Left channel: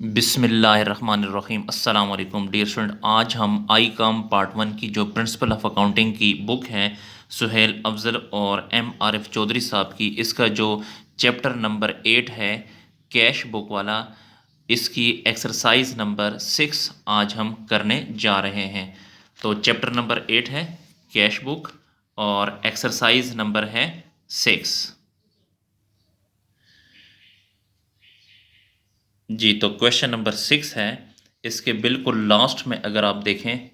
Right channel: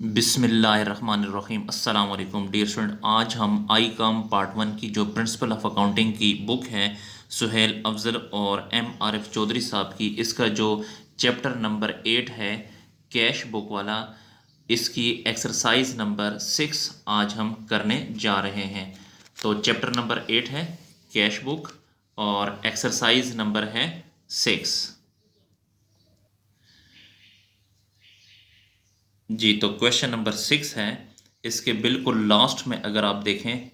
बिस्मिल्लाहिर्रहमानिर्रहीम अस्सलाम वालेकुम डियर स्टूडेंट। आज हम आई कॉम पार्ट वन की जो प्रिंसिपल ऑफ अकाउंटिंग की बुक है सुहेल अफजल और एम आरिफ चौधरी साहब की, इसका जो चैप्टर नंबर 8 है कैश बुक वाला, इसकी एक्सरसाइज नंबर 6 आज हम करने जा रहे हैं। तो चैप्टर नंबर 8 है कैश बुक और एक्सरसाइज नंबर है 6। जी, तो क्वेश्चन नंबर 6 है। इसके बिल्कुल लास्ट में अगर आप देखें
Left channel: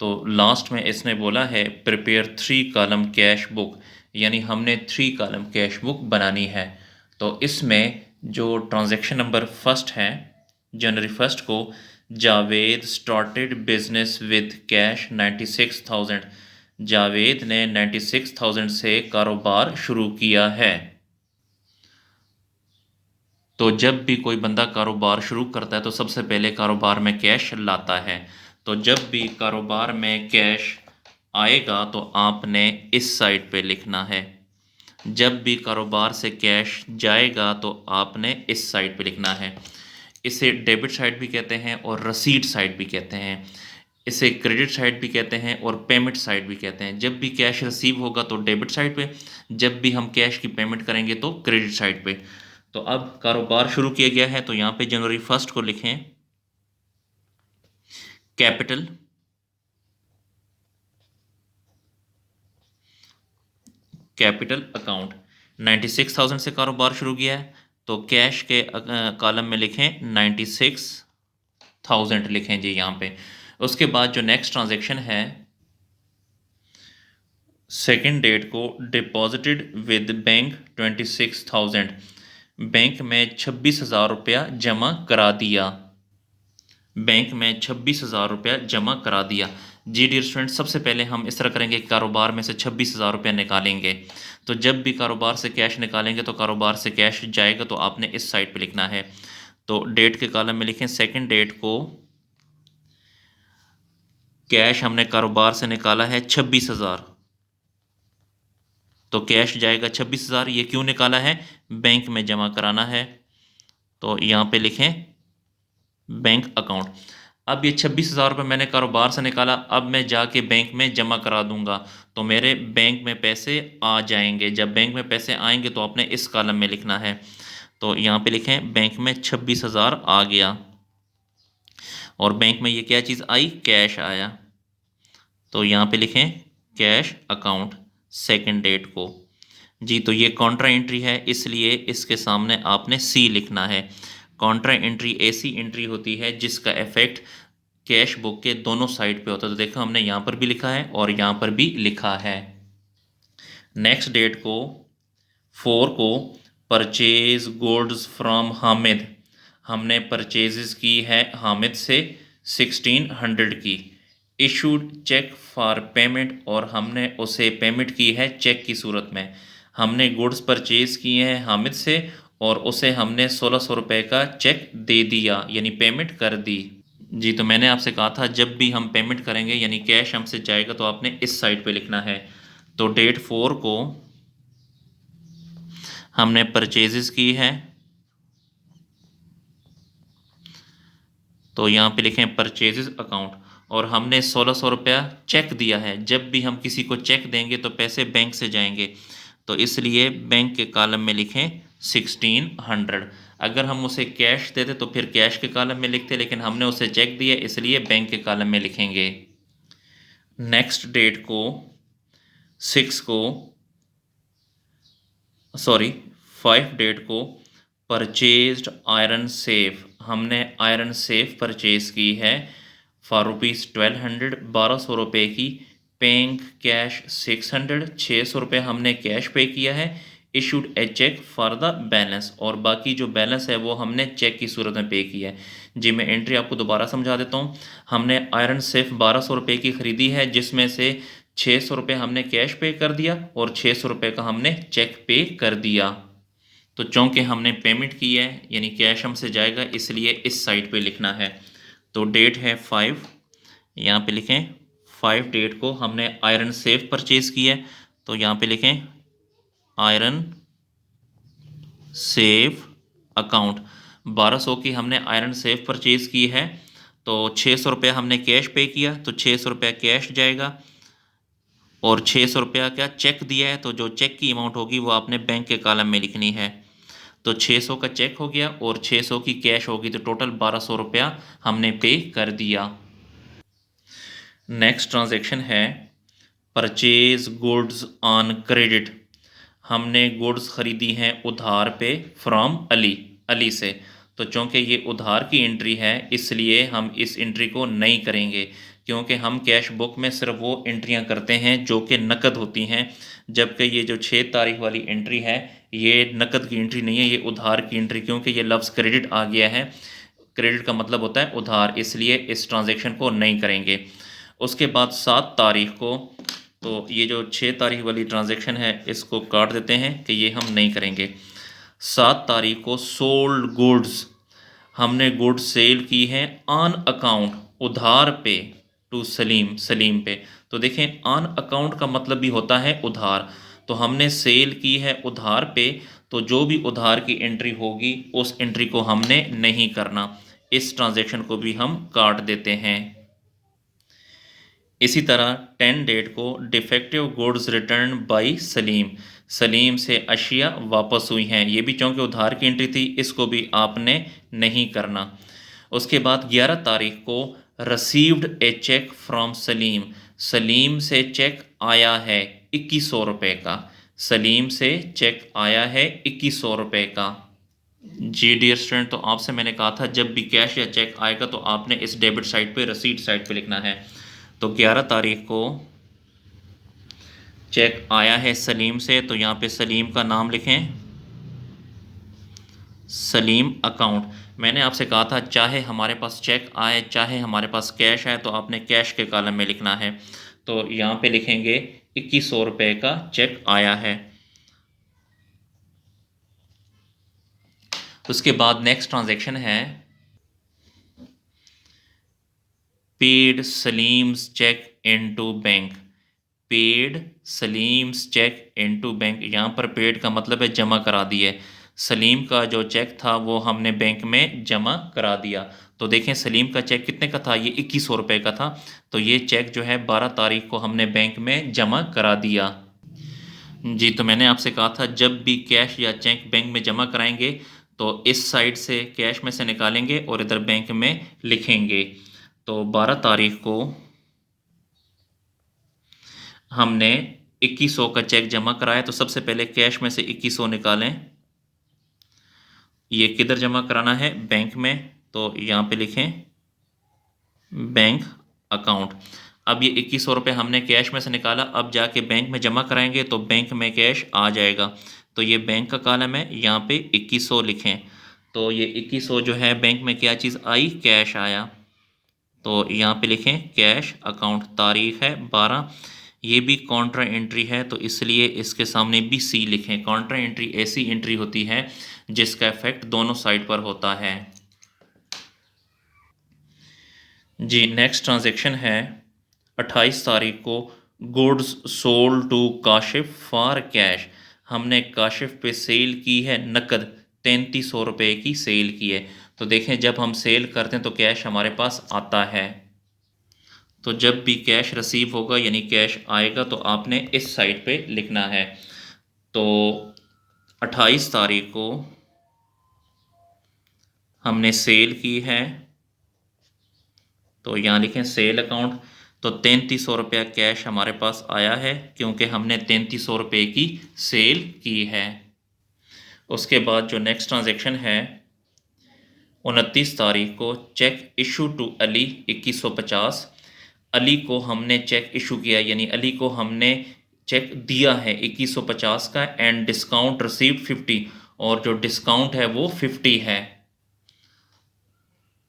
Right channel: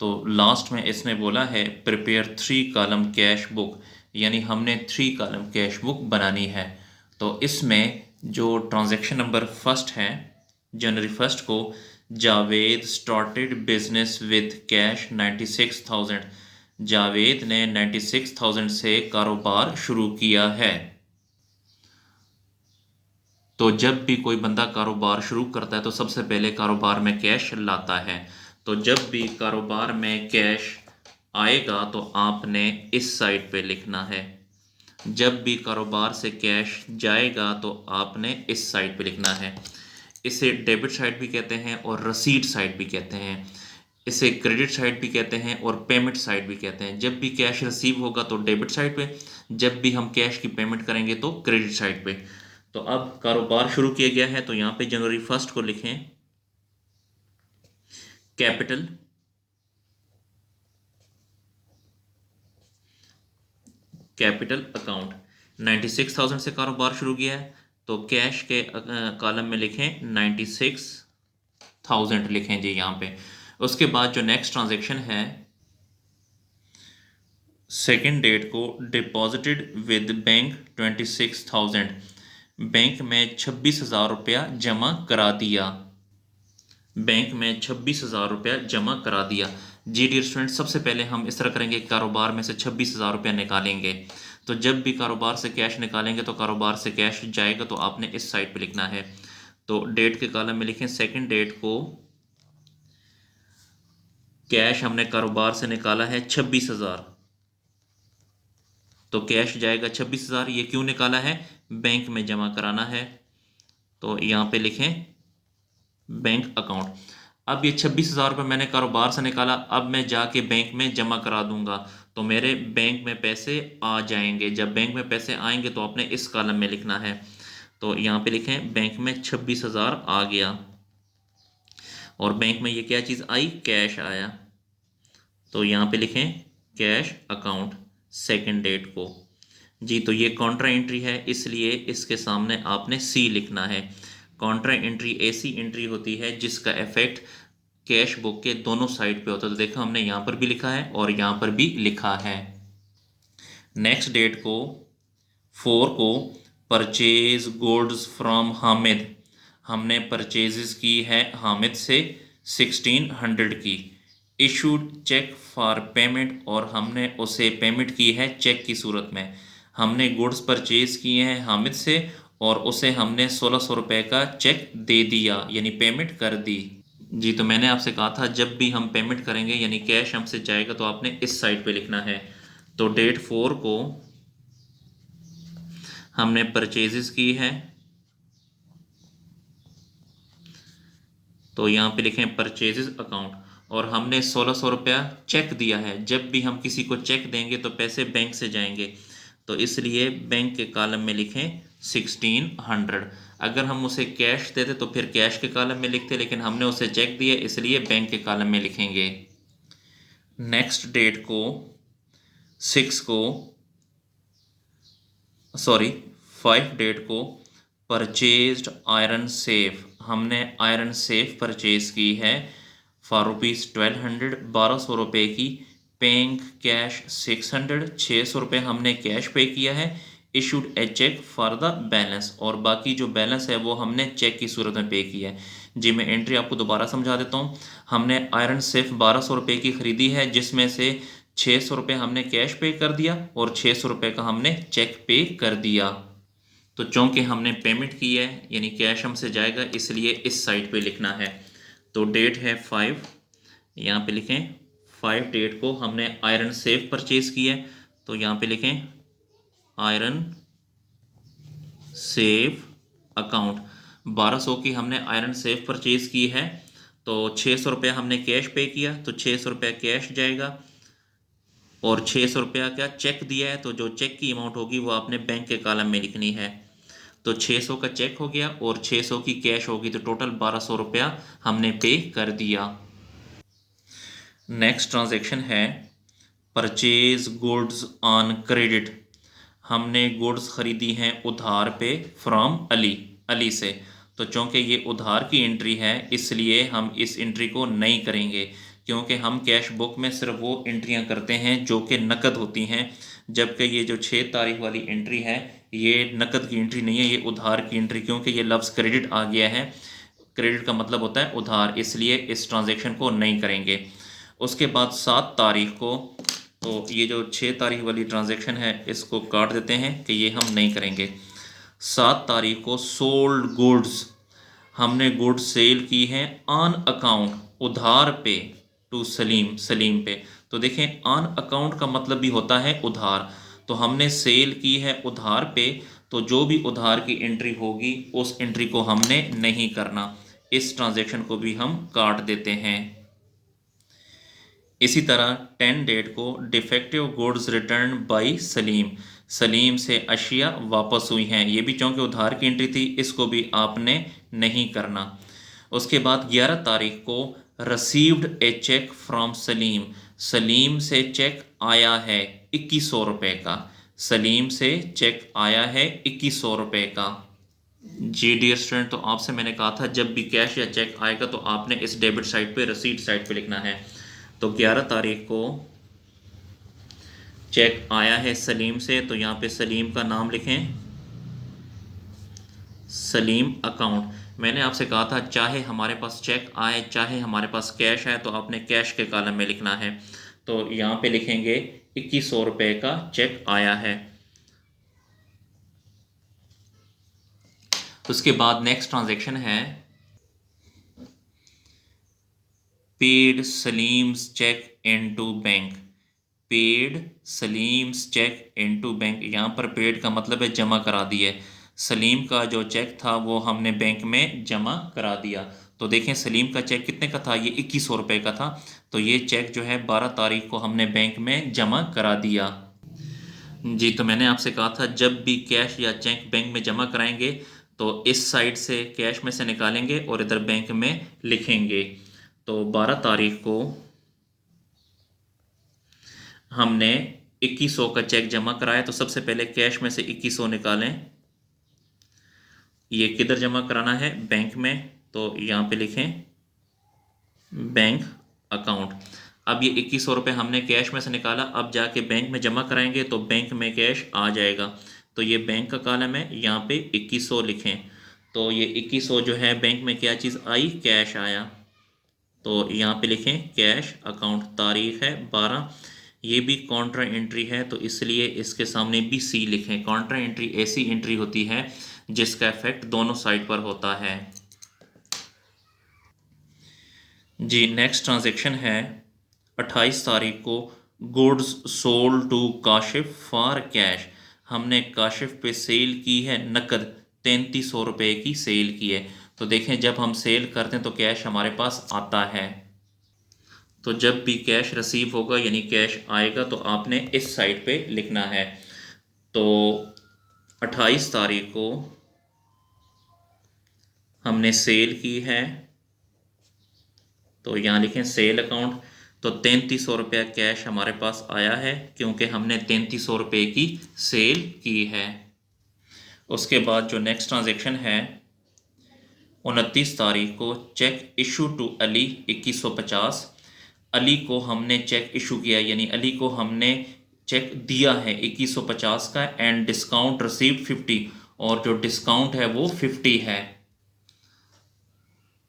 तो लास्ट में इसने बोला है प्रिपेयर 3 कॉलम कैश बुक, यानी हमने 3 कॉलम कैश बुक बनानी है। तो इसमें जो ट्रांजैक्शन नंबर फर्स्ट है, जनवरी फर्स्ट को Javed started business with cash 96,000। Javed ने 96,000 से कारोबार शुरू किया है। तो जब भी कोई बंदा कारोबार शुरू करता है तो सबसे पहले कारोबार में कैश लाता है। तो जब भी कारोबार में कैश आएगा तो आपने इस साइड पे लिखना है। जब भी कारोबार से कैश जाएगा तो आपने इस साइड पे लिखना है। इसे डेबिट साइड भी कहते हैं और रसीद साइड भी कहते हैं। इसे क्रेडिट साइड भी कहते हैं और पेमेंट साइड भी कहते हैं। जब भी कैश रिसीव होगा तो डेबिट साइड पे, जब भी हम कैश की पेमेंट करेंगे तो क्रेडिट साइड पे। तो अब कारोबार शुरू किया गया है तो यहाँ पे जनवरी फर्स्ट को लिखें कैपिटल, कैपिटल अकाउंट। 96,000 से कारोबार शुरू किया है तो कैश के कॉलम में लिखें 96,000 लिखें जी यहाँ पे। उसके बाद जो नेक्स्ट ट्रांजेक्शन है, सेकेंड डेट को डिपॉजिटेड विद बैंक 26,000, बैंक में 26,000 रुपया जमा करा दिया। बैंक में 26,000 रुपया जमा करा दिया। जी डियर स्टूडेंट, सबसे पहले हम इस तरह करेंगे कि कारोबार में से 26,000 रुपया निकालेंगे। तो जब भी कारोबार से कैश निकालेंगे तो कारोबार से कैश जाएगा तो आपने इस साइड पे लिखना है। तो डेट के कॉलम में लिखें सेकंड डेट को कैश हमने कारोबार से निकाला है 26,000, तो कैश जाएगा 26,000। ये क्यों निकाला है? बैंक में जमा कराना है। तो यहाँ पे लिखें बैंक अकाउंट। अब ये 26,000 रुपये मैंने कारोबार से निकाला, अब मैं जाके बैंक में जमा करा दूंगा तो मेरे बैंक में पैसे आ जाएंगे। जब बैंक में पैसे आएंगे तो आपने इस कॉलम में लिखना है। तो यहाँ पे लिखें बैंक में 26,000 आ गया और बैंक में ये क्या चीज़ आई? कैश आया। तो यहाँ पे लिखें कैश अकाउंट सेकंड डेट को। जी, तो ये कॉन्ट्रा एंट्री है इसलिए इसके सामने आपने सी लिखना है। कॉन्ट्रा एंट्री ऐसी एंट्री होती है जिसका इफेक्ट कैश बुक के दोनों साइड पे होता है। तो देखो हमने यहाँ पर भी लिखा है और यहाँ पर भी लिखा है। नेक्स्ट डेट को 4 को परचेज गुड्स फ्रॉम हामिद, हमने परचेजेस की है हामिद से 1600 की। इशूड चेक फॉर पेमेंट, और हमने उसे पेमेंट की है चेक की सूरत में। हमने गुड्स परचेज किए हैं हामिद से और उसे हमने 1600 रुपये का चेक दे दिया, यानी पेमेंट कर दी। जी, तो मैंने आपसे कहा था जब भी हम पेमेंट करेंगे यानी कैश हमसे जाएगा तो आपने इस साइड पे लिखना है। तो डेट 4 को हमने परचेजेस की है तो यहाँ पे लिखें परचेजेस अकाउंट, और हमने 1600 रुपया चेक दिया है। जब भी हम किसी को चेक देंगे तो पैसे बैंक से जाएंगे, तो इसलिए बैंक के कॉलम में लिखें 1600। अगर हम उसे कैश देते तो फिर कैश के कॉलम में लिखते, लेकिन हमने उसे चेक दिया इसलिए बैंक के कॉलम में लिखेंगे। नेक्स्ट डेट को 6 को सॉरी 5 डेट को परचेज्ड आयरन सेफ, हमने आयरन सेफ परचेज की है फॉर रुपीज़ 1200, 1200 रुपये की। पेइंग कैश 600, 600 रुपये हमने कैश पे किया है। Issued a cheque for the balance, और बाकी जो बैलेंस है वो हमने चेक की सूरत में पे किया है। जी, मैं एंट्री आपको दोबारा समझा देता हूँ। हमने आयरन सेफ 1200 रुपये की ख़रीदी है जिसमें से 600 रुपये हमने कैश पे कर दिया और 600 रुपये का हमने चेक पे कर दिया। तो चूँकि हमने पेमेंट की है यानी कैश हमसे जाएगा इसलिए इस साइड पे लिखना है। तो डेट है 5, यहाँ पे लिखें 5 डेट को हमने आयरन सेफ परचेज़ की है तो यहाँ पे लिखें आयरन सेफ अकाउंट। 1200 की हमने आयरन सेफ परचेज़ की है, तो 600 रुपया हमने कैश पे किया, तो 600 रुपया कैश जाएगा और 600 रुपया क्या चेक दिया है, तो जो चेक की अमाउंट होगी वो आपने बैंक के कॉलम में लिखनी है। तो 600 का चेक हो गया और 600 की कैश होगी, तो टोटल 1200 रुपया हमने पे कर दिया। नेक्स्ट ट्रांजैक्शन है परचेज गुड्स ऑन क्रेडिट। हमने गुड्स ख़रीदी हैं उधार पे फ्रॉम अली से। तो चूँकि ये उधार की एंट्री है इसलिए हम इस एंट्री को नहीं करेंगे, क्योंकि हम कैश बुक में सिर्फ वो एंट्रियां करते हैं जो कि नकद होती हैं, जबकि ये जो 6 तारीख वाली एंट्री है ये नकद की एंट्री नहीं है, ये उधार की एंट्री, क्योंकि ये लफ्ज़ क्रेडिट आ गया है। क्रेडिट का मतलब होता है उधार, इसलिए इस ट्रांजैक्शन को नहीं करेंगे। उसके बाद 7 तारीख को, तो ये जो 6 तारीख वाली ट्रांजैक्शन है इसको काट देते हैं कि ये हम नहीं करेंगे। 7 तारीख को सोल्ड गुड्स, हमने गुड्स सेल की हैं ऑन अकाउंट उधार पे टू सलीम पे। तो देखें ऑन अकाउंट का मतलब भी होता है उधार, तो हमने सेल की है उधार पे, तो जो भी उधार की एंट्री होगी उस एंट्री को हमने नहीं करना, इस ट्रांजैक्शन को भी हम काट देते हैं। इसी तरह 10 डेट को defective goods return by Salim से अशिया वापस हुई हैं, ये भी चूँकि उधार की एंट्री थी, इसको भी आपने नहीं करना। उसके बाद 11 तारीख को रसीव्ड ए चेक फ्रॉम सलीम से चेक आया है 2100 रुपये का, सलीम से चेक आया है 2100 रुपये का। जी डियर स्टूडेंट, तो आपसे मैंने कहा था जब भी कैश या चेक आएगा तो आपने इस डेबिट साइड पे रसीद साइड पे लिखना है। तो 11 तारीख को चेक आया है सलीम से, तो यहाँ पे सलीम का नाम लिखें, सलीम अकाउंट। मैंने आपसे कहा था चाहे हमारे पास चेक आए चाहे हमारे पास कैश आए तो आपने कैश के कॉलम में लिखना है। तो यहाँ पे लिखेंगे 2100 रुपये का चेक आया है। उसके बाद नेक्स्ट ट्रांजैक्शन है paid Salim's cheque into bank. Paid Salim's cheque into bank, यहाँ पर पेड का मतलब है जमा करा दिए, सलीम का जो चेक था वो हमने बैंक में जमा करा दिया। तो देखें सलीम का चेक कितने का था, ये 2100 रुपये का था, तो ये चेक जो है 12 तारीख को हमने बैंक में जमा करा दिया। जी, तो मैंने आपसे कहा था जब भी कैश या चेक बैंक में जमा कराएंगे तो इस साइड से कैश में से निकालेंगे और इधर बैंक में लिखेंगे। तो 12 तारीख को हमने 2100 का चेक जमा कराया, तो सबसे पहले कैश में से 2100 निकालें। ये किधर जमा कराना है, बैंक में, तो यहाँ पे लिखें बैंक अकाउंट। अब ये 2100 रुपये हमने कैश में से निकाला, अब जाके बैंक में जमा कराएंगे तो बैंक में कैश आ जाएगा। तो ये बैंक का कॉलम है, यहाँ पे 2100 लिखें। तो ये 2100 जो है बैंक में क्या चीज़ आई, कैश आया, तो यहाँ पे लिखें कैश अकाउंट। तारीख है 12, ये भी कॉन्ट्रा एंट्री है तो इसलिए इसके सामने भी सी लिखें। कॉन्ट्रा एंट्री ऐसी एंट्री होती है जिसका इफेक्ट दोनों साइड पर होता है। जी, नेक्स्ट ट्रांजैक्शन है 28 तारीख को goods sold to Kashif for cash. हमने काशिफ पे सेल की है नकद, 3300 रुपये की सेल की है। तो देखें जब हम सेल करते हैं तो कैश हमारे पास आता है, तो जब भी कैश रिसीव होगा यानी कैश आएगा तो आपने इस साइड पे लिखना है। तो 28 तारीख को हमने सेल की है, तो यहाँ लिखें सेल अकाउंट। तो 3300 रुपया कैश हमारे पास आया है क्योंकि हमने 3300 रुपये की सेल की है। उसके बाद जो नेक्स्ट ट्रांजैक्शन है 29 तारीख को cheque issue to Ali 2150। Ali को हमने चेक इशू किया यानी अली को हमने चेक दिया है 2150 का, एंड डिस्काउंट रिसीव्ड 50, और जो डिस्काउंट है वो 50 है।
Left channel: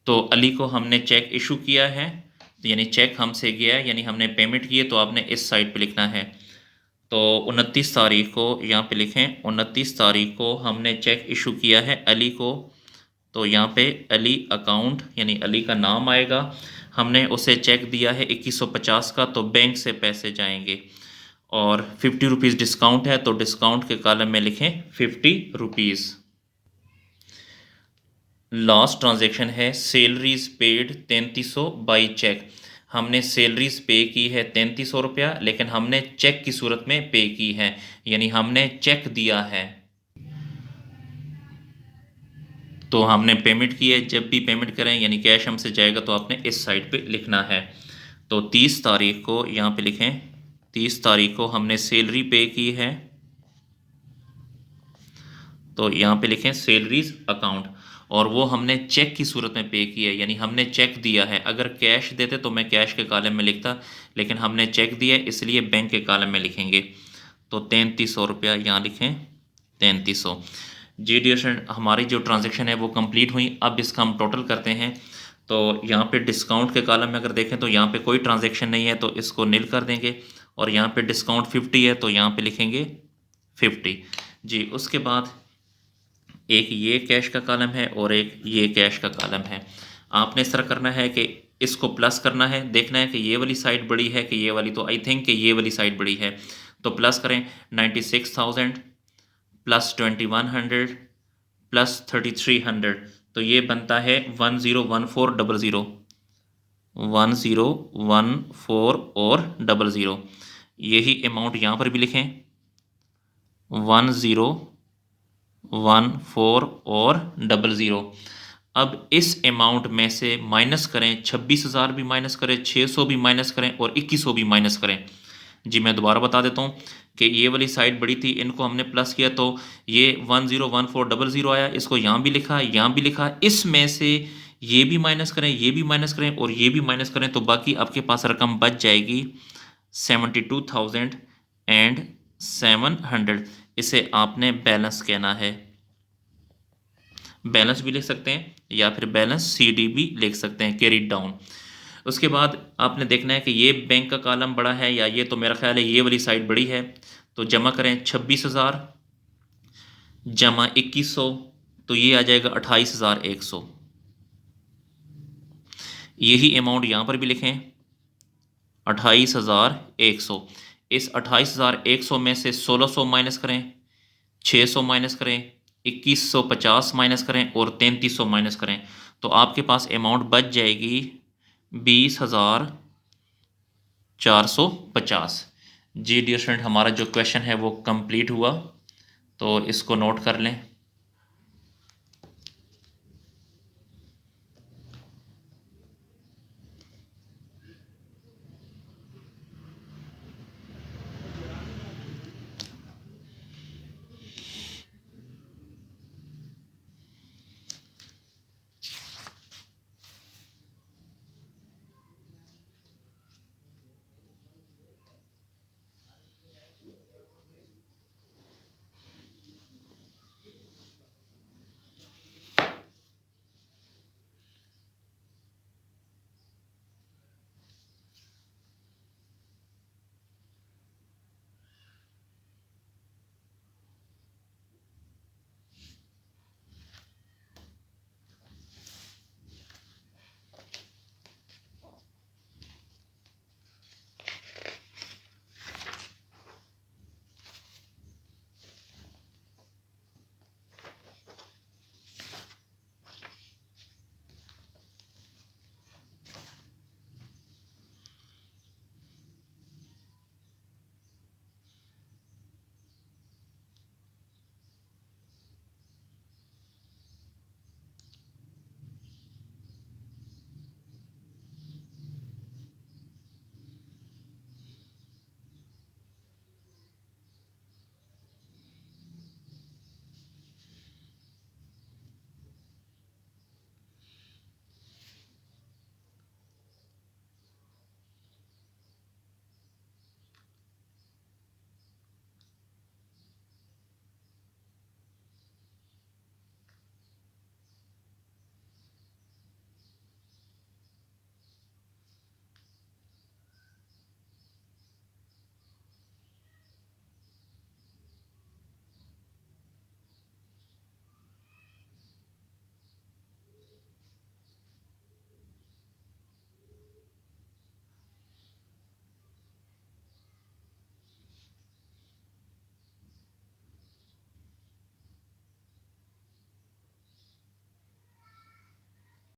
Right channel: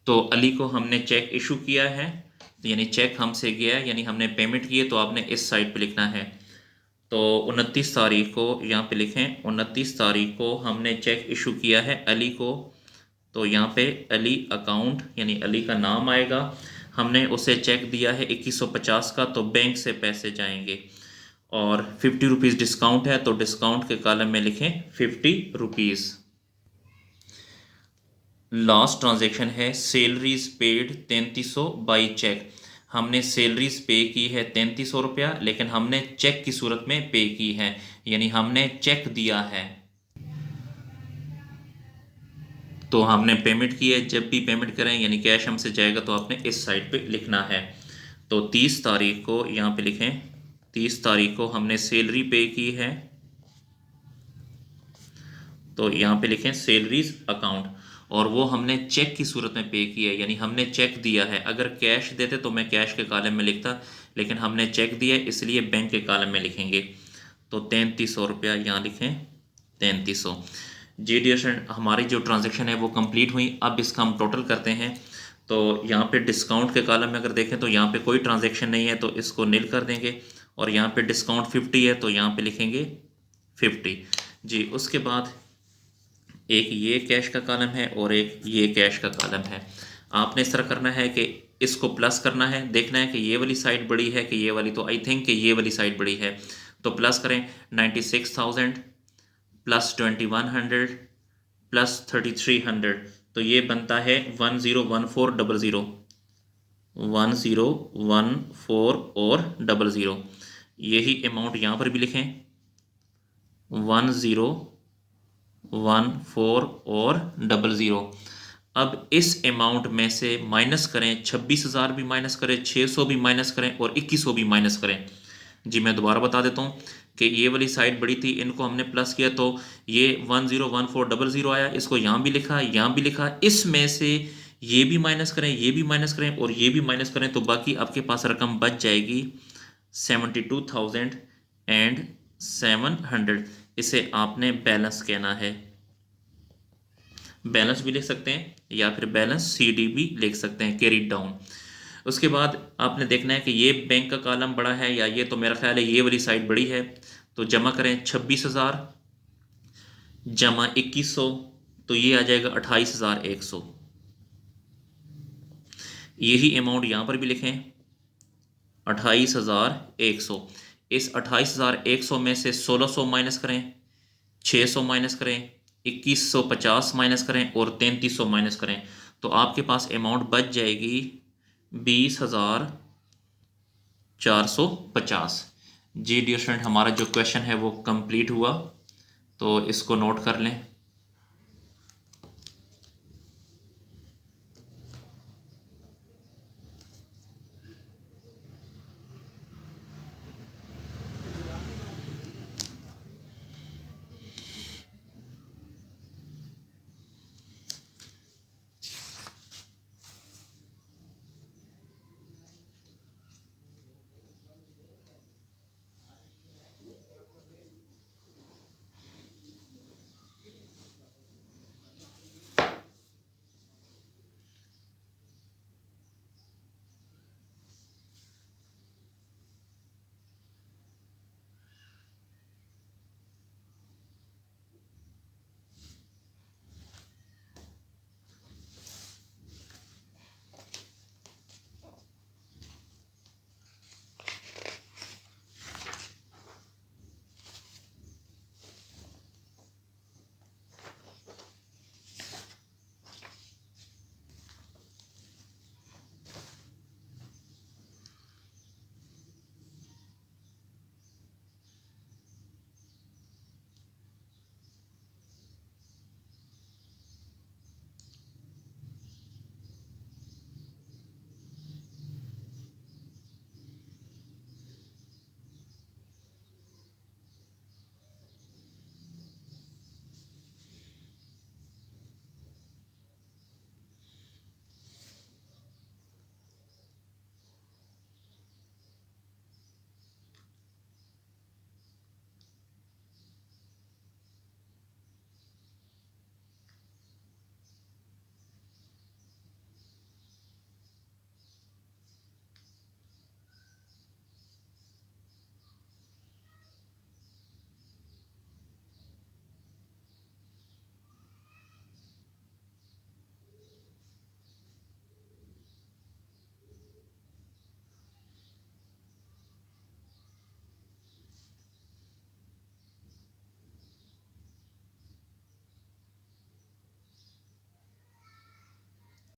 तो अली को हमने चेक इशू किया है यानी चेक हमसे गया यानी हमने पेमेंट की है, तो आपने इस साइड पे लिखना है। तो 29 तारीख को यहाँ पे लिखें 29 तारीख को हमने चेक इशू किया है अली को, तो यहाँ पे अली अकाउंट यानी अली का नाम आएगा। हमने उसे चेक दिया है 2150 का, तो बैंक से पैसे जाएंगे और 50 रुपीज़ डिस्काउंट है तो डिस्काउंट के कॉलम में लिखें 50 रुपीज़। लास्ट ट्रांजैक्शन है सैलरीज पेड 3300 बाई चेक। हमने सैलरीज पे की है 3300 रुपया, लेकिन हमने चेक की सूरत में पे की है, यानी हमने चेक दिया है। तो हमने पेमेंट की है, जब भी पेमेंट करें यानी कैश हमसे जाएगा तो आपने इस साइड पे लिखना है। तो 30 तारीख को यहाँ पे लिखें, 30 तारीख को हमने सैलरी पे की है, तो यहाँ पे लिखें सैलरीज अकाउंट, और वो हमने चेक की सूरत में पे की है, यानी हमने चेक दिया है। अगर कैश देते तो मैं कैश के कॉलम में लिखता, लेकिन हमने चेक दिया है इसलिए बैंक के कॉलम में लिखेंगे। तो 3300 रुपया यहाँ लिखें, 3300। जी डियर स्टूडेंट, हमारी जो ट्रांजेक्शन है वो कंप्लीट हुई। अब इसका हम टोटल करते हैं। तो यहाँ पे डिस्काउंट के कॉलम में अगर देखें तो यहाँ पे कोई ट्रांजेक्शन नहीं है, तो इसको नील कर देंगे। और यहाँ पे डिस्काउंट 50 है, तो यहाँ पे लिखेंगे 50। जी, उसके बाद एक ये कैश का कॉलम है और एक ये कैश का कॉलम है। आपने इस तरह करना है कि इसको प्लस करना है, देखना है कि ये वाली साइड बड़ी है कि ये वाली, तो आई थिंक कि ये वाली साइड बड़ी है, तो प्लस करें। 96,000 प्लस 2100 प्लस 3300, तो ये बनता है 101400, 1014 और 00। यही अमाउंट यहाँ पर भी लिखें, 1014 और 00। अब इस अमाउंट में से माइनस करें, 26,000 भी माइनस करें, 600 भी माइनस करें और 2100 भी माइनस करें। जी मैं दोबारा बता देता हूँ कि ये वाली साइड बड़ी थी, इनको हमने प्लस किया तो ये 101400 आया, इसको यहाँ भी लिखा, यहाँ भी लिखा। इसमें से ये भी माइनस करें, ये भी माइनस करें और ये भी माइनस करें, तो बाकी आपके पास रकम बच जाएगी 72,700। इसे आपने बैलेंस कहना है। बैलेंस भी लिख सकते हैं या फिर बैलेंस CD भी लिख सकते हैं, कैरी डाउन। उसके बाद आपने देखना है कि ये बैंक का कॉलम बड़ा है या ये, तो मेरा ख्याल है ये वाली साइड बड़ी है। तो जमा करें 26,000 जमा 2100, तो ये आ जाएगा 28,100। यही अमाउंट यहाँ पर भी लिखें, 28,100। इस 28,100 में से 1600 माइनस करें, 600 माइनस करें, 2150 माइनस करें और 3300 माइनस करें, तो आपके पास अमाउंट बच जाएगी 20,450। जी डियर स्टूडेंट, हमारा जो क्वेश्चन है वो कंप्लीट हुआ, तो इसको नोट कर लें।